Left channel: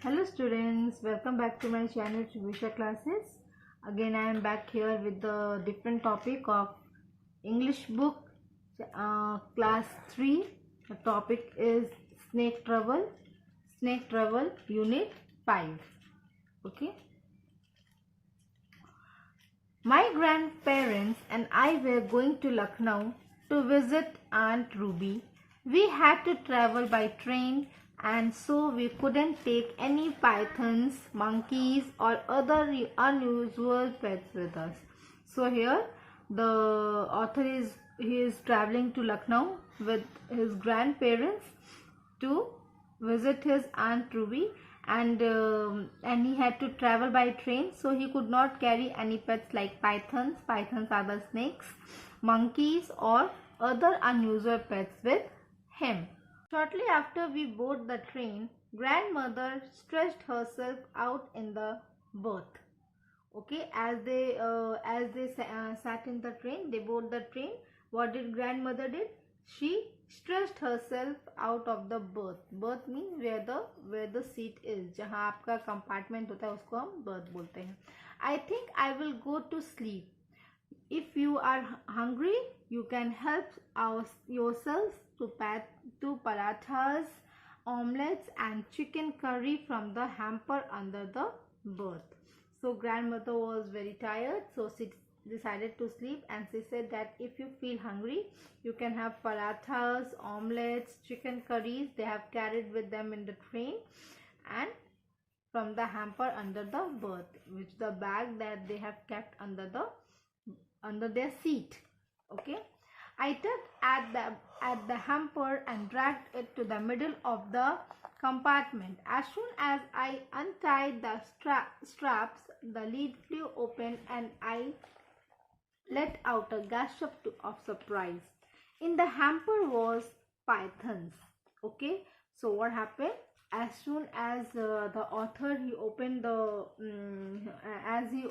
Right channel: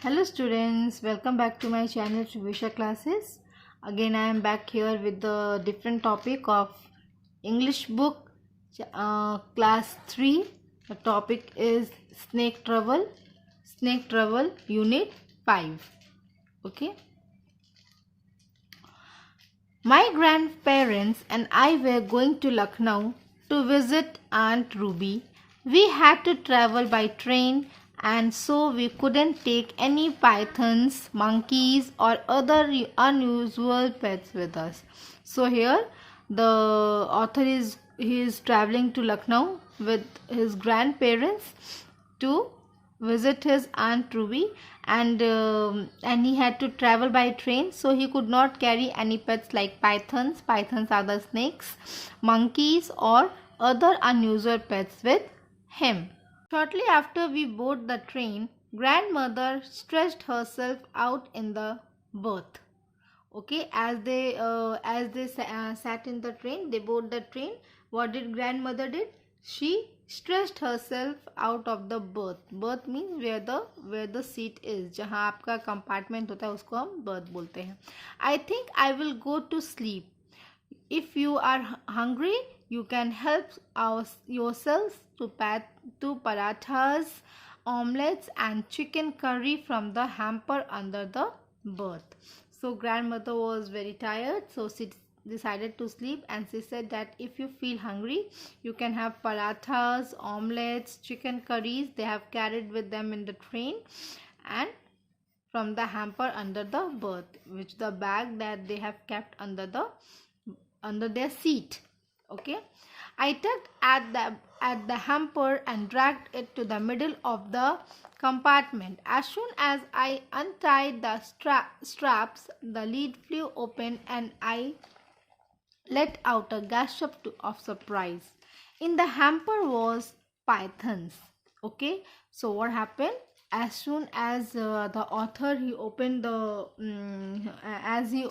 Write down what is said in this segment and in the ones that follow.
Hello students, welcome back to my channel Visha classes. Again I am back here with the different topic of English book class 3. The topic is Snake Trouble Unit 5. Okay. My grandparents and I were going to Lucknow to visit Aunt Ruby. We had to travel by train and so we couldn't take any pythons, monkeys or other unusual pets with us. So here the author is traveling to Lucknow with his grandparents to visit his Aunt Ruby, and he had to travel by train, so he could not carry any pets like pythons. Pythons are the snakes, monkeys or other unusual pets with him. Shortly after we board the train, grandmother stretched herself out in the berth. Okay, as they sat in the train, they board the train. What did grandmother did? She stretched herself out of the berth. Berth means where the seat is. जहाँ आपका compartment होता है उसको हम berth बोलते हैं. I think I will go to sleep. If you are hungry, you can help yourselves to parathas, omelets and chicken curry from the hamper under the berth. So grandmother was very tired, so she decided to sleep, and she said that if you feel hungry, you can have parathas, omelets, chicken curries. They have carried with them in the train, and from the hamper under the berth, which the bag that they have kept under their seat. Okay, I tugged at the hamper and dragged it to the middle of the compartment. As soon as I untied the straps, the lid flew open and I let out a gasp of surprise. In the hamper was pythons. Okay, so what happened? As soon as the author he opened the as he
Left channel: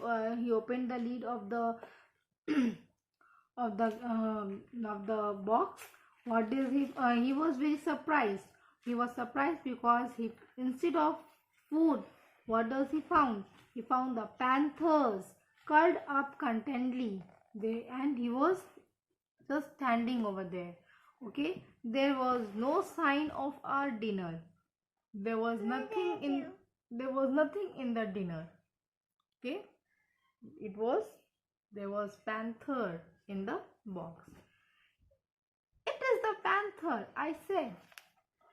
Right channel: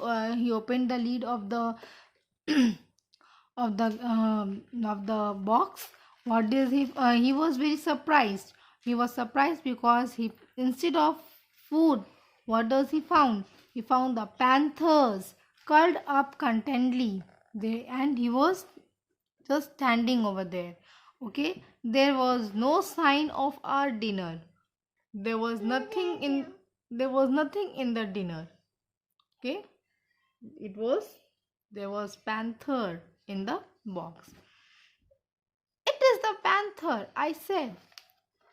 opened the lid of the of the box, what did he was very surprised. He was surprised because he, instead of food, what does he found? He found the panthers curled up contentedly, and he was just standing over there. Okay, there was no sign of our dinner. There was nothing in the dinner. Okay, it was there was panther in the box. It is the panther, I said,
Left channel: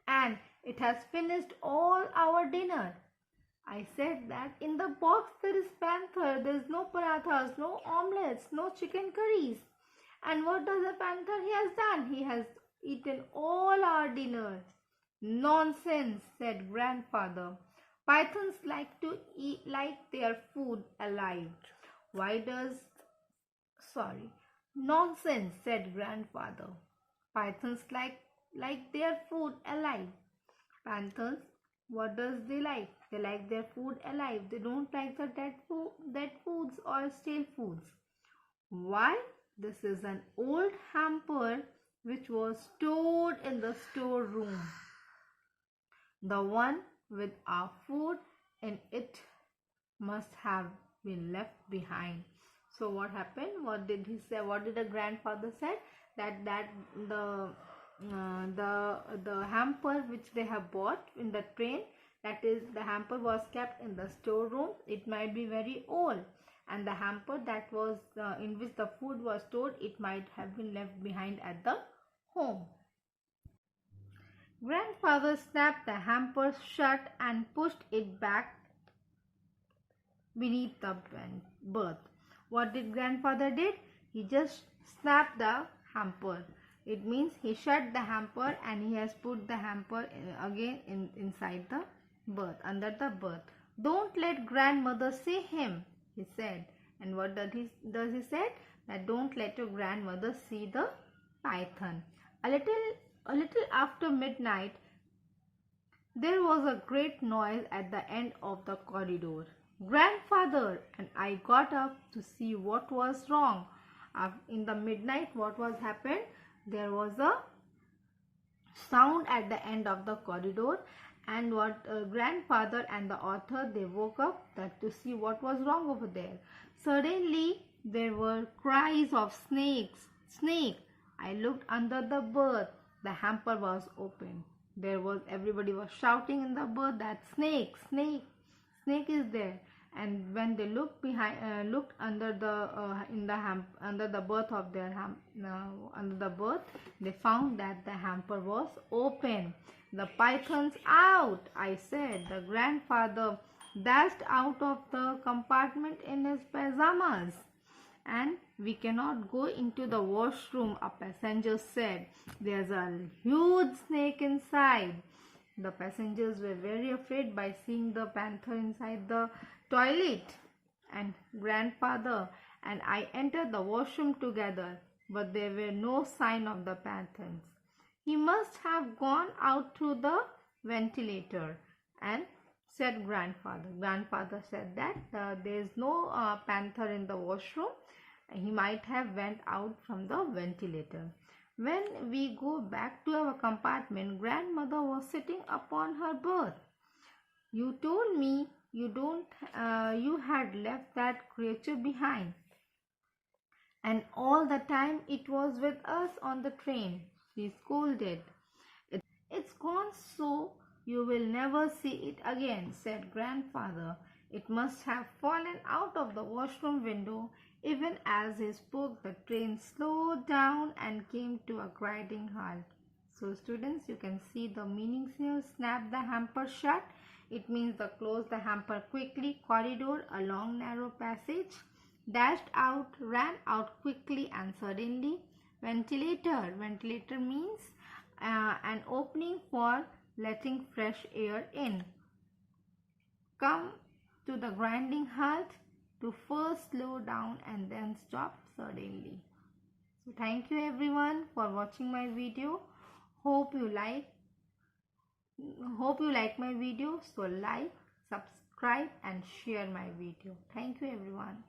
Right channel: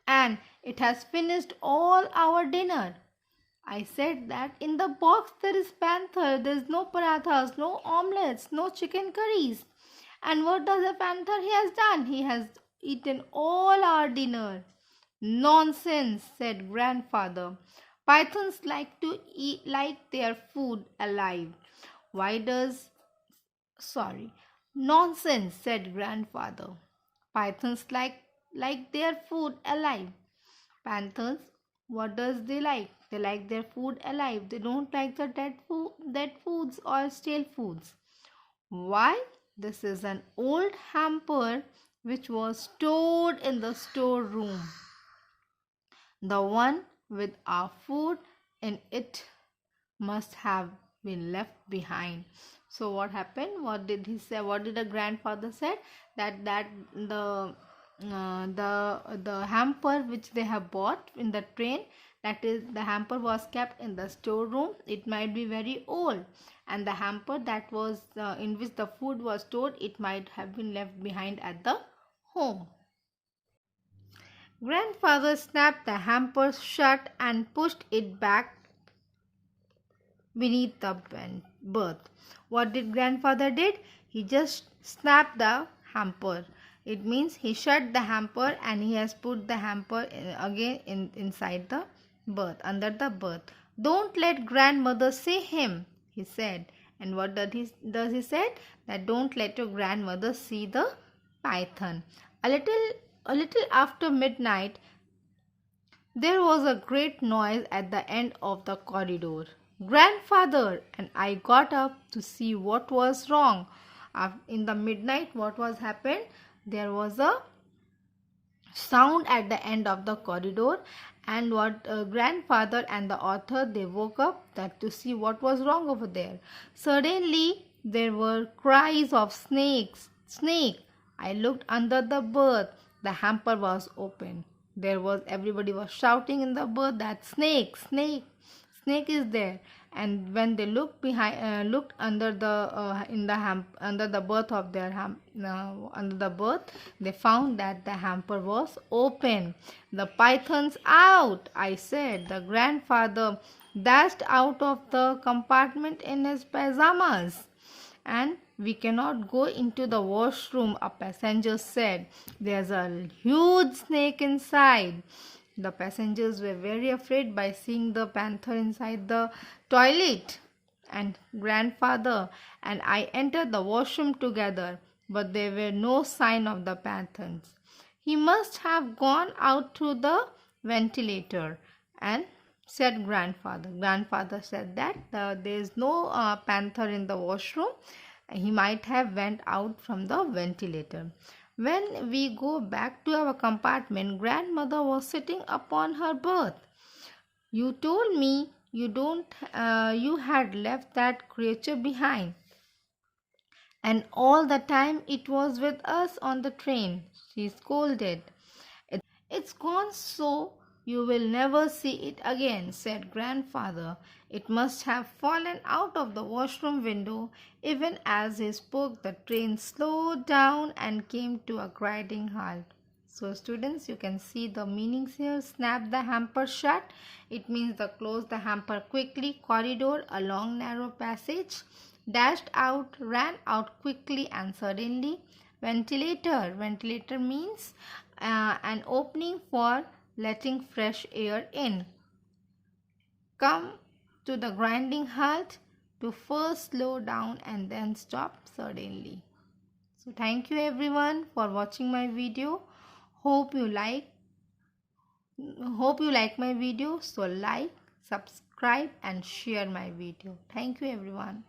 and it has finished all our dinner. I said that in the box there is panther, there is no parathas, no omelets, no chicken curries. And what does the panther he has done? He has eaten all our dinner. Nonsense, said grandfather. Pythons like to eat like their food alive. Why does Sorry. Nonsense, said grandfather. Pythons like their food alive. Panthers, what does they like? They like their food alive. They don't like the dead foods or stale foods. Why? This is an old hamper which was stored in the storeroom. The one with our food in it must have been left behind. So what happened? What did he say? What did the grandfather said? That the hamper which they have bought in the train, that is, the hamper was kept in the storeroom. It might be very old, and the hamper that was in which the food was stored, it might have been left behind at the home. Grandfather snapped the hamper shut and pushed it back beneath the berth. What did grandfather did? He just snapped the hamper. It means he shut the hamper and he has put the hamper again inside the berth, under the berth. Don't let grandmother see him, he said. And what does he said? That don't let your grandmother see the python. A little after midnight, there was a great noise at the end of the corridor. Grandfather and I got up to see what was wrong. In the midnight, what was happened? There was a sound at the end of the corridor, And what grandfather and the author, they woke up that to see what was wrong over there. Suddenly there were cries of snakes. Snake. I looked under the berth. The hamper was open. There was everybody was shouting in the berth that snake, snake, snake is there. And when they looked behind, looked under the in the under the berth of their under the berth, they found that the hamper was open. The python's out, I said. The grandfather dashed out of the compartment in his pajamas. And we cannot go into the washroom, a passenger said. There's a huge snake inside. The passengers were very afraid by seeing the panther inside the toilet. And grandfather and I entered the washroom together, but there were no sign of the panthers. He must have gone out through the ventilator, and said grandfather. Grandfather said that there is no panther in the washroom. He might have went out from the ventilator. When we go back to our compartment, grandmother was sitting upon her berth. You told me you had left that creature behind, and all the time it was with us on the train, she scolded. It's gone, so you will never see it again, said grandfather. It must have fallen out of the washroom window. Even as he spoke, the train slowed down and came to a grinding halt. So students, you can see the meanings here. Snap the hamper shut. It means the close the hamper quickly. Corridor, a long narrow passage. Dashed out, ran out quickly and suddenly. Ventilator. Ventilator means an opening for letting fresh air in. Come to the grinding halt, to first slow down and then stop suddenly. So thank you everyone for watching my video. Hope you like my video. So like, subscribe and share my video. Thank you everyone.